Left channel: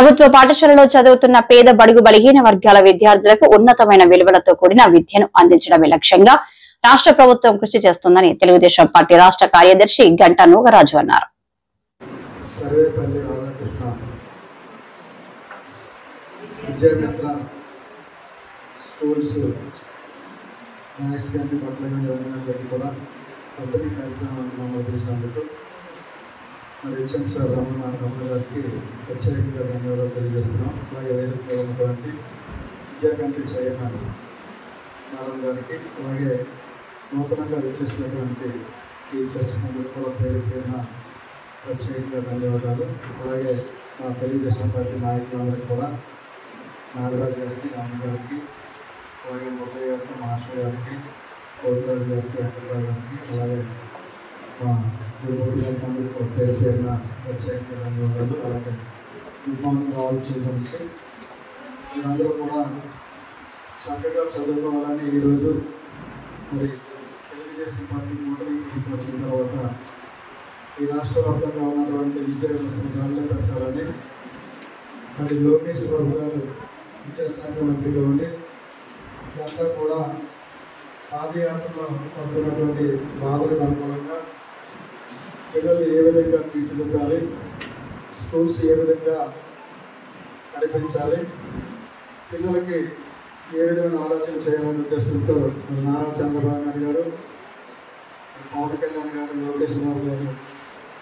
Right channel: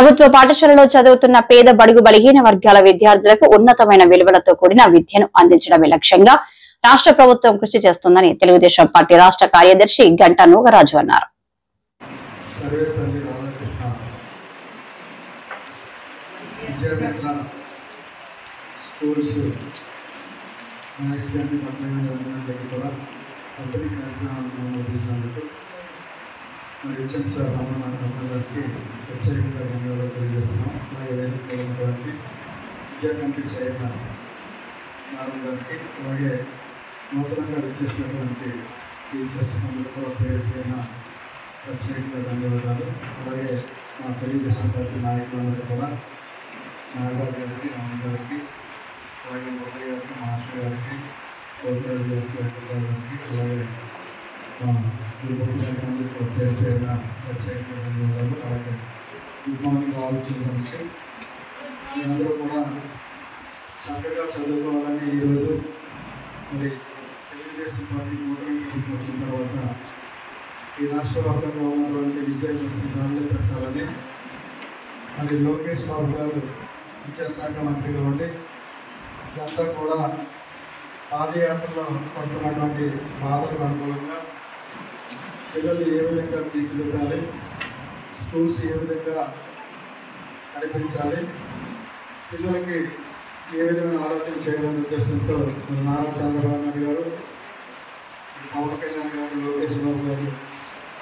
ప్రభుత్వ పాఠశాలలో చదువుతున్న పేద బడుగు బలహీన వర్గాల విద్యార్థులకు ఉన్నతమైన విలువలతో కూడిన విద్యను అందించడమే లక్ష్యంగా రాష్ట్ర ప్రభుత్వం కృషి చేస్తుందని తెలుగుదేశం పార్టీ రాష్ట్ర కార్యదర్శి గంటా నూగరాజు అన్నారు. ప్రత్యేకంగా ధన్యవాదాలు తెలియజేస్తున్నాం. అలాగే వేదికగా ఉన్నటువంటి విద్యా కమిటీ చైర్మన్ మేడం గారికి, అలాగే నూతనంగా వచ్చేసినటువంటి టీచర్స్ అందరూ కూడా పేరు పైన ప్రత్యేకంగా ధన్యవాదాలు. అలాగే నా తెలుగుదేశం పార్టీ నాయకులందరూ కూడా నాగరాజు గారికి, రామ గారికి, అలాగే ఉదయ్ గారికి, మాస్టర్ గారికి, గౌతమ్ గారికి, గారికి, అలాగే మా అందరికీ పేరు పేరున ప్రత్యేకంగా ధన్యవాదాలు. అలాగే గుడ్ మార్నింగ్ ఆల్ చిల్డ్రన్స్. మీరందరూ కూడా చక్కగా చదువుకోవాలని ఈరోజు మరి తెలుగుదేశం పార్టీ నోటిఫికేషన్ వచ్చిన తర్వాత ఈ రాష్ట్ర వ్యాప్తంగా ఉన్నటువంటి విద్యా వ్యవస్థను గాలిలో పెట్టాలని మరి లోకేష్ బాబు గారు విద్యాశాఖ మంత్రిగా ఉండి ఇదంతా కూడా పాదయాత్రలో పడుతున్నటువంటి బాధలకు అనుకూలంగా పిల్లలు ఏ విధంగా తీర్చిదిద్దాలి, స్కూల్స్ ఏ విధంగా నడిపించాలి, పిల్లలకి ఏ విధమైన ఆలోచన చేయాలనే ఉద్దేశంతో నారా చంద్రబాబు నాయుడు గారు, పవన్ కళ్యాణ్ గారు, లోకేష్ బాబు గారు,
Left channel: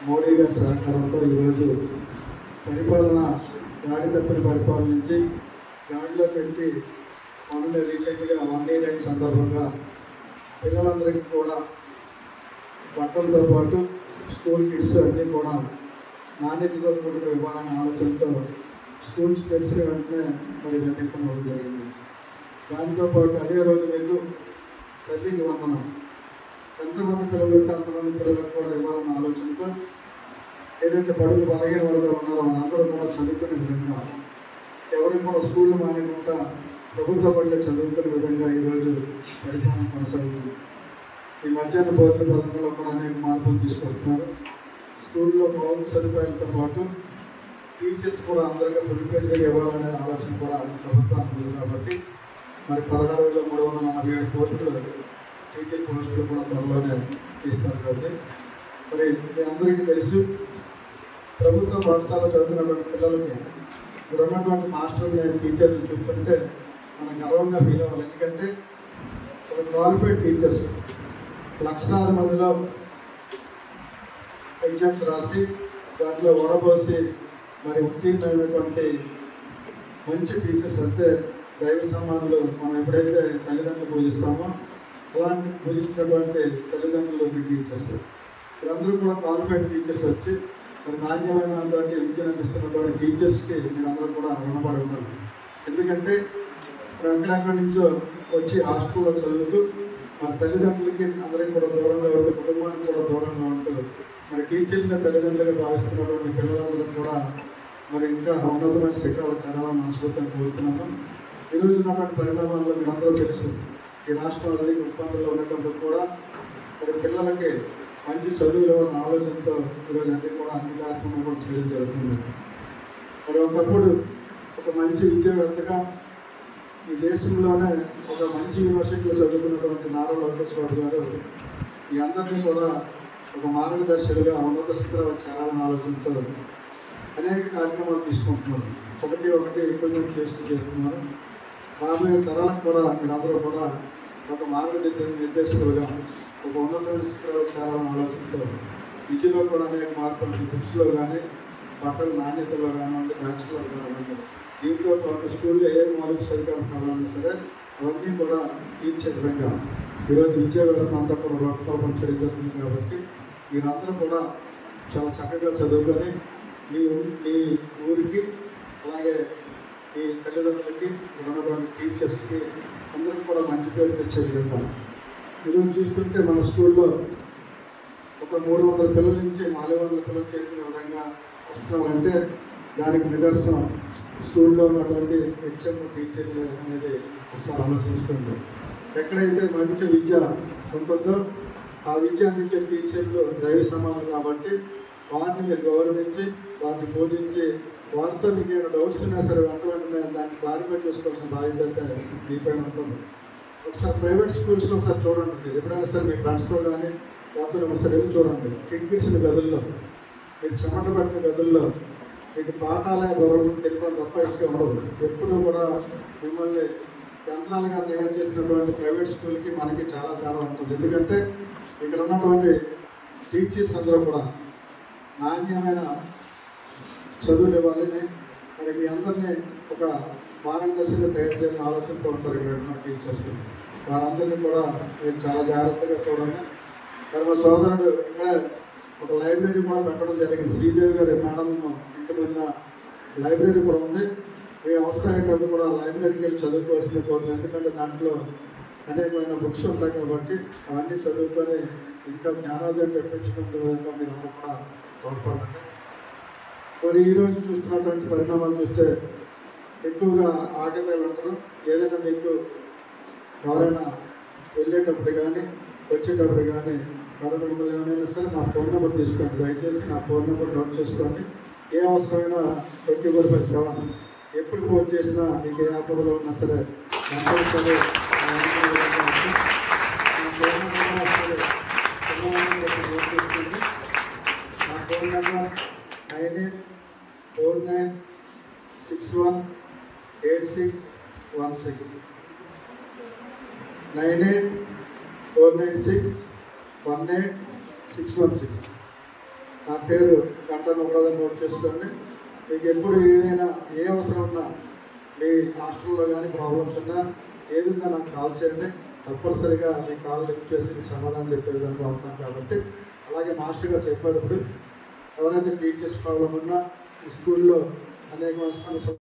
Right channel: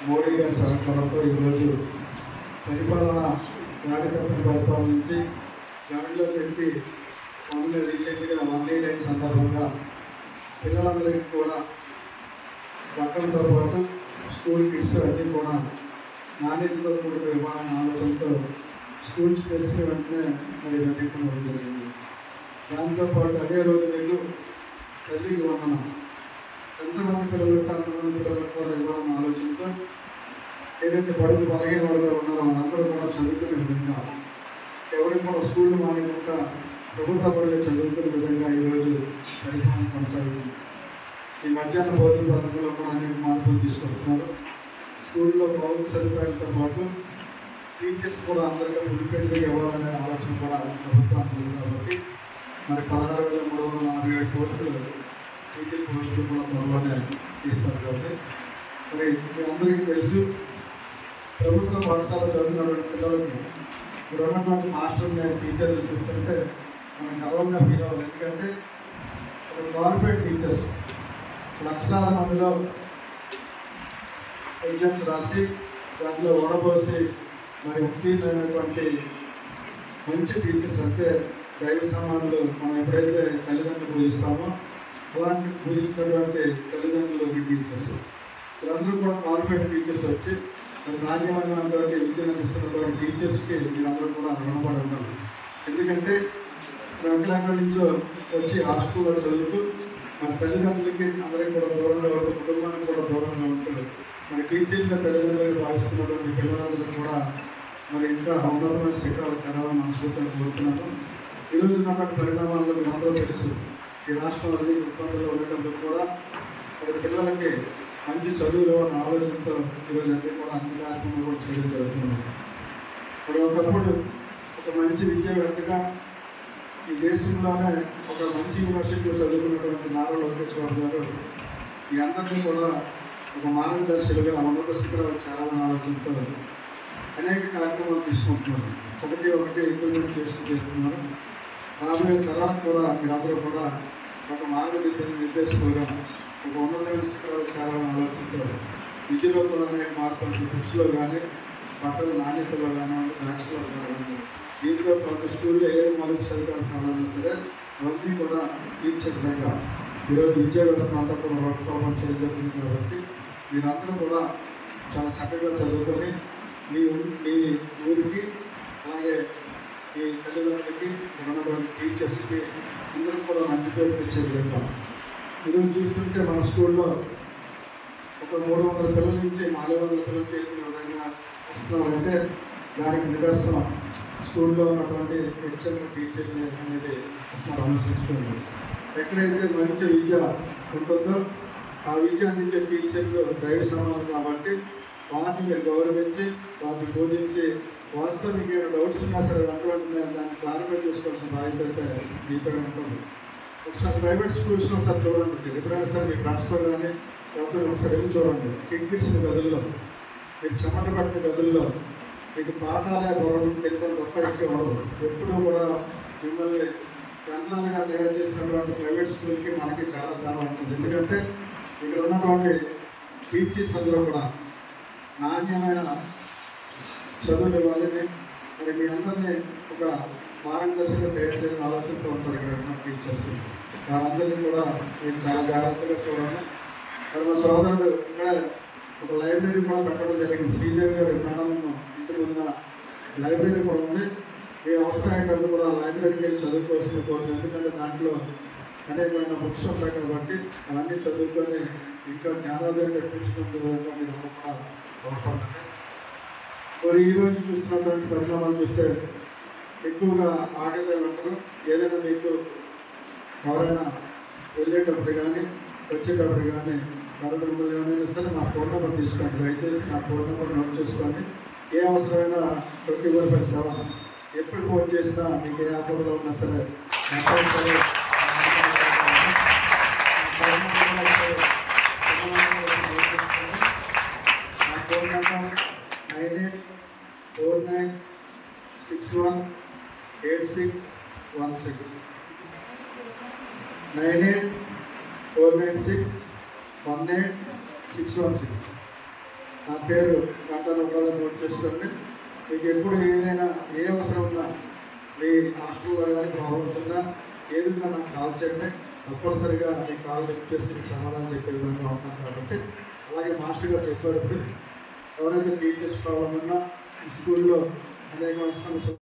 మోడీ గారి సహకారంతో ఈరోజు పరిపాలన నాటికత్వం పరిపాలన నుంచి గాడిలో పెట్టి మొన్న రీసెంట్గా 189 సందర్భంగా పిల్లలందరికీ కూడా బట్టలతో పాటు స్కూల్ కిట్స్ అన్నీ కూడా నాణ్యతతో కూడిన ఇవ్వాలన్న ఆలోచనతో స్కూల్స్ తెలిసిన వెంటనే మరి పెట్టడం జరిగింది. దాంతోపాటు అదే రోజు మీకు తల్లికి వందనం, ఎంతమంది పిల్లలు ఉంటే అంతమంది పిల్లలకు కూడా ఇవ్వాలన్న ఆలోచనతో ఏదైతే బడుగు బలహీన వర్గాలు ఉన్నారో మనందరూ కూడా చదువుకునే విధంగా, ఎవరికి కూడా స్కూల్ మానకుండా ప్రభుత్వ బడులు చదువుకునే విధంగా ఈరోజు పరిపాలన కొనసాగుతుంది. ఈ మధ్యాహ్న భోజన పథకంలో కూడా అనేక మార్పులు తీసుకొస్తున్నారు. స్కూల్లో మౌలిక సదుపాయాలతో పాటు టీచర్స్ కూడా అందరికీ ముడిపెట్టుగా ఇవ్వాలనే ఆలోచన కూడా ప్రభుత్వానికి ఉంది. కాబట్టి మరి 16,347 కోట్లు టీచర్ పోస్టులు కూడా త్వరలోనే తీస్తారు. కాబట్టి మరి మీ అందరికీ తెలుసు, ప్రభుత్వ పాఠశాల చదివినటువంటి పిల్లలకి ఇప్పుడు ఉన్నటువంటి మాస్టర్లు టీచర్లు చూస్తుంటే మనం గర్వంగా ఫీల్ అవ్వాలి. ఎందుకంటే క్వాలిఫైడ్ టీచర్స్ లక్షలాది మందిలో ఎగ్జామ్స్ రాసి దాంట్లో ఓడబోసి మరి ఉత్తీర్ణమైనటువంటి మంచి టీచర్స్ అంటే దైవ సమానులు మనం ఎప్పుడైతే తల్లిదండ్రులు పూజిస్తామో అలాంటి పూజించినటువంటి తల్లిదండ్రులు టీచర్స్ వీళ్ళందరూ కూడా క్వాలిఫైడ్ టీచర్స్ వచ్చి మరి నాణ్యమైనటువంటి విద్యను అందిస్తున్నటువంటి టీచర్స్కి వీళ్ళందరూ కూడా రుణపడి ఉండాలి. ఎందుకంటే ఎక్కడెక్కడి నుంచో వచ్చి హాస్టల్లో చదువుతూ మన తల్లిదండ్రులకి అందరికీ కూడా దూరంగా ఉంటే, కుటుంబానికి కూడా దూరంగా ఉంటుంది. మరి టీచర్గా తల్లిదండ్రులుగా భావిస్తున్నటువంటి పిల్లలందరూ కూడా మరి ఇంకా ఉన్నతమైన శిఖరాలు చేరాలని మనస్ఫూర్తిగా కోరుతున్నాము. ఈరోజు ఉన్నటువంటి పరిణామాల్లో మీరందరూ తెలుసు, ఈ రాష్ట్రం అనేది ఉత్పత్తిలో ఉన్నప్పుడు కూడా మరి పిల్లలకి మంచి చదువులు అనే ఆలోచనతో ఈరోజు అన్ని కూడా అన్ని కార్యక్రమాలు కూడా చేయడం జరుగుతుంది. మరి ఒకప్పుడు ఒక మంచి విద్యావేత్తగా ఈ దేశంలోనే ఒక మంచి యూనివర్సిటీలో చదువుకున్నటువంటి నారా లోకేష్ బాబు గారు ఈ అందరినీ కూడా ఒక మార్గదర్శకులుగా ఉన్నత శిఖరాలు చేరాలని ఆలోచనతో అనేక కార్యక్రమాలు తీసుకుంటున్నారు. ఒకటి ఇంప్లిమెంట్ చేస్తున్నారు. రాబోయే తరాలకు కూడా మీరందరూ కూడా ఒక నిర్దేశకులుగా ఒక ఉన్నతమైన శిఖరాలు చేరాలని ఆలోచనతో విద్యలో కూడా అనేక మార్పులు, బుక్స్లో కానీ, బట్టల నాణ్యతలో కానివ్వండి, బ్యాగ్స్లో కానివ్వండి, దీంతో పాటు స్కూల్లో ఏ మౌలిక సదుపాయాలు కావాలన్నా సరే అవన్నీ కూడా తీర్చే విధంగా ఈరోజు విద్యా వ్యవస్థ అంతా కూడా రూపకల్పన చేయడం జరుగుతుంది. కాబట్టి మీరందరూ కూడా చాలా చక్కగా చదువుకొని మీ ఊరికి, అలాగే మీ తల్లిదండ్రులకి, ఉన్నటువంటి టీచర్స్కి అందరికీ కూడా మంచి పేరు తెచ్చే విధంగా ఈరోజు చూస్తుంటే మన స్కూల్లో ఒక 300 పిల్లల నుంచి 400 పిల్లలు చేసిన విధంగా వస్తున్నారంటే దానికి నిదర్శనం స్కూల్లో ఉన్నటువంటి హెచ్ఎం టీచర్లు అనేది ఒకసారి ఆలోచించుకోండి. ఎక్కడైతే మంచి విద్య ఉంటుందో ఆ విద్య అందించే టీచర్లు దైవ సమానం. కాబట్టి వాటిని మీరు గౌరవించి, వాటిని పూజించి వారితో మీకు ఏమైనా డౌట్స్ ఉన్నా సరే వెంటనే దాన్ని క్లారిఫై చేసుకోవాల్సిన బాధ్యత మీపై ఉంటుంది. ఒకసారి ప్రైవేట్ స్కూల్స్లో ఒకసారి చూడండి, ఎప్పుడైనా సరే మీ ఫ్రెండ్స్తో కానీ లేకపోతే ఒకసారి వెళ్ళి చూడండి. కిక్కిసిన గదుల్లో, మీకు చెమట పట్టిన గదుల్లో మీకు పాఠాలే గౌరవం తెలియడం తప్ప ఎక్కువ ఉండదు. ఎప్పుడూ కూడా మిమ్మల్ని గంటలుగా తయారు చేసినటువంటి ప్రైవేట్ స్కూల్కి మనకి చాలా తేడా ఉంటుంది. ఎందుకంటే ఇక్కడ ఉన్నటువంటి టీచర్స్ అందరూ కూడా నాణ్యమైన చదువులు ఇవ్వాలని, మరి మీ అందరినీ ఒక మార్గదర్శకులు తయారు చేయాలని ఆలోచనతో ఉంటారు ఇక్కడ ఉన్న టీచర్స్. వారందరినీ కూడా మీరు చాలా జాగ్రత్తగా చూడండి. మరి మా సోదరుడు ఇక్కడ ఒక లైబ్రరీ కూడా పెట్టడం జరిగింది. శ్రీదేవి గారి మేడం ఇంటి ముందు లైబ్రరీ కూడా ఉంది. మీ అవసరం ఏంటంటే కూడా లైబ్రరీకి వెళ్ళి చదువుకోవాల్సిన కోరిక. ఎందుకంటే దాంట్లో అనేకమైన బుక్స్ ఉంటాయి కాబట్టి అవన్నీ చదువుకొని ఇంకా జ్ఞానోదయం తెప్పించుకుంటూ మీరు కూడా తోడ్పడుతుంది. మరి ఈరోజు చూస్తున్నటువంటి పరిణామాలు చూస్తే ఎక్కువగా ఆగదాలు ఉంటారు. ఏదైనా మీకు ఎవరైనా వెళ్ళేటప్పుడు కానీ వచ్చేటప్పుడు కానీ మరొక మిమ్మల్ని ఏమైనా ఇస్తారు, నా ఫోన్ నెంబర్ తీసుకోండి. దయచేసి నా ఫోన్ నెంబర్ నోట్ చేసుకోండి. ఏ అవసరమైనా 24/7 ఎప్పుడు ఫోన్ చేసినా మీకు ఏ ఆపదలో ఉన్నా సరే నా ఫోన్ నెంబర్ 9849618616 9849618616. నా పేరు గంటను నోట్ చేసుకోండి. మీకు ఎప్పుడు ఏదైనా ఏ అవసరం ఉన్నా, మీ హాస్టల్లో కానీ ప్రాబ్లమ్స్ ఉన్నా ఏదైనా నాకు కాల్ చేయండి. తప్పనిసరిగా మీ కాల్ లిఫ్ట్ చేసి మీకు సమాధానం చెప్పే విధంగా ఉంటాను. కాబట్టి అలాగే మాస్టర్ గారు చెప్పారు, ఇప్పుడు ఎవరైతే టీచర్స్ ప్రాబ్లం ఉన్నా ఈ స్కూల్లో అనేకమైన సమస్యలు